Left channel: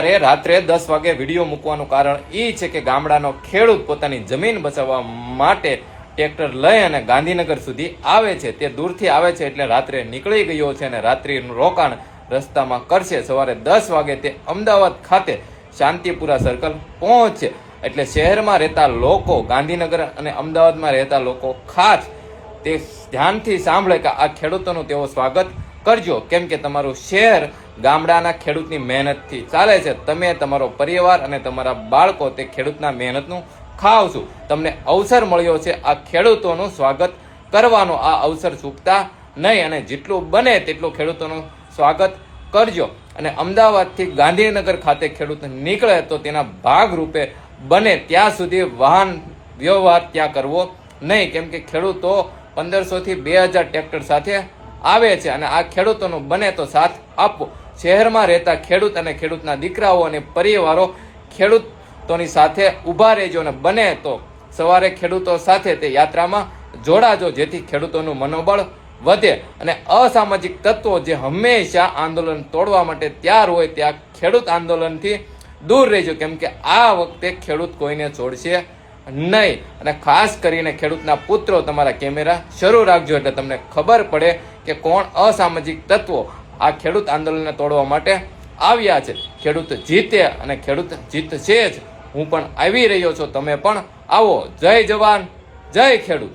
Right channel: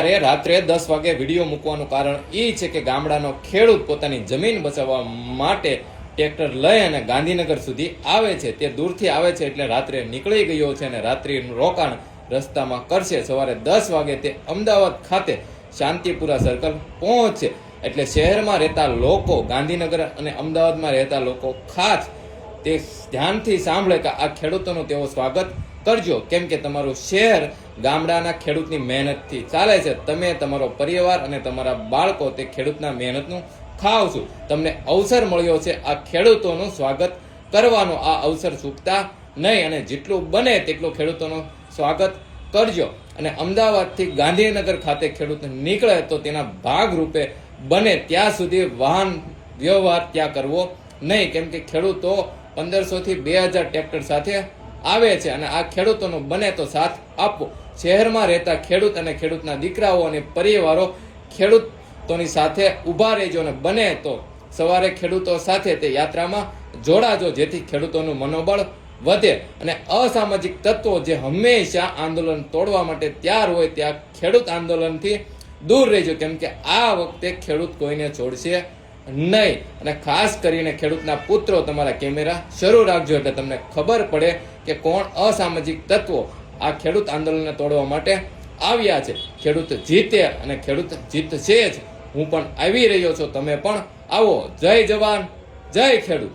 અત્યારે રાત્રે 10 વાગે વિડીયો મૂકવાનું કારણ એ છે કે ગામડાનો ખેડૂત પોતાની જમીન બચાવવા માટે ટ્રેક્ટર લઈ અને ગાંધીનગર સુધી આવે છે. તે દૂરથી આવે છે એટલે રાત્રે નીકળી ગયો છે અને રાત્રિનું રોકાણ રસ્તામાં કરશે. સવારે 10 વાગે તે અમદાવાદ ખાતે શાંતિપુરા સર્કલ પહોંચશે. એટલે શહેરમાં રહેતા લોકો, ગાંધીનગર અને અમદાવાદમાં રહેતા લોકો ખાસ તે ધ્યાનથી સાંભળે કે આ ખેડૂતોનું તેઓ સ્વાગત કરજો, કેમ કે તમારું શહેર ગામડાના ખેડૂતની મહેનતથી ચાલે છે. તમે, તમારો પરિવાર અને તમારા બાળકો તે ખેડૂતના મહેનતનું ખાવ છો. તમને અવસર મળ્યો છે આ ખેડૂતોનું સ્વાગત કરવાનો. આ અવસર ચૂકતા નહીં અને જેટલું બને તેટલું ખેડૂતોનું સ્વાગત કરજો. અને અમદાવાદથી ગાંધીનગર ખાતે ખેડૂત નીકળે તો તેના ભાગરૂપે બને ત્યાં સુધી વાહન વ્યવહાર ત્યાં કરવો નહીં, કેમ કે ખેડૂતો 1500 થી 2000 ટ્રેક્ટર સાથે આવે છે અને આ ખેડૂતોનું બને તો સાથ આપવો. શહેરમાં રહેતા ખેડૂત અને ખેડૂતના દીકરાઓ અને પરિવારો ખેડૂતોની સાથે ઊભા રહેજો અને બને તો સવારે ખેડૂતો સાથે તે યાત્રામાં જોડાજો, જેથી ખેડૂતોનું મનોબળ વધે. અને અસામાજિક તત્વો જે હંમેશા આંદોલન તોડવા માટે તૈયાર હોય ત્યાં ખેડૂત આંદોલનથી દૂર રહેજો, કેમ કે આ વખતે ખેડૂત કોઈને છોડશે નહીં. અને ખાસ કરીને ખેડૂતના પુત્રો તમારા કેમેરા શરૂ રાખજો એટલે તમને ખબર પડે કે કોણ અસામાજિક તત્વો આ ખેડૂત આંદોલનને તોડવા માટે આવ્યા છે. ખેડૂત જીતે અને ખેડૂત જીતશે જ. હું પણ આવી રહ્યો છું, તમે પણ આવો. જય જવાન, જય ખેડૂત.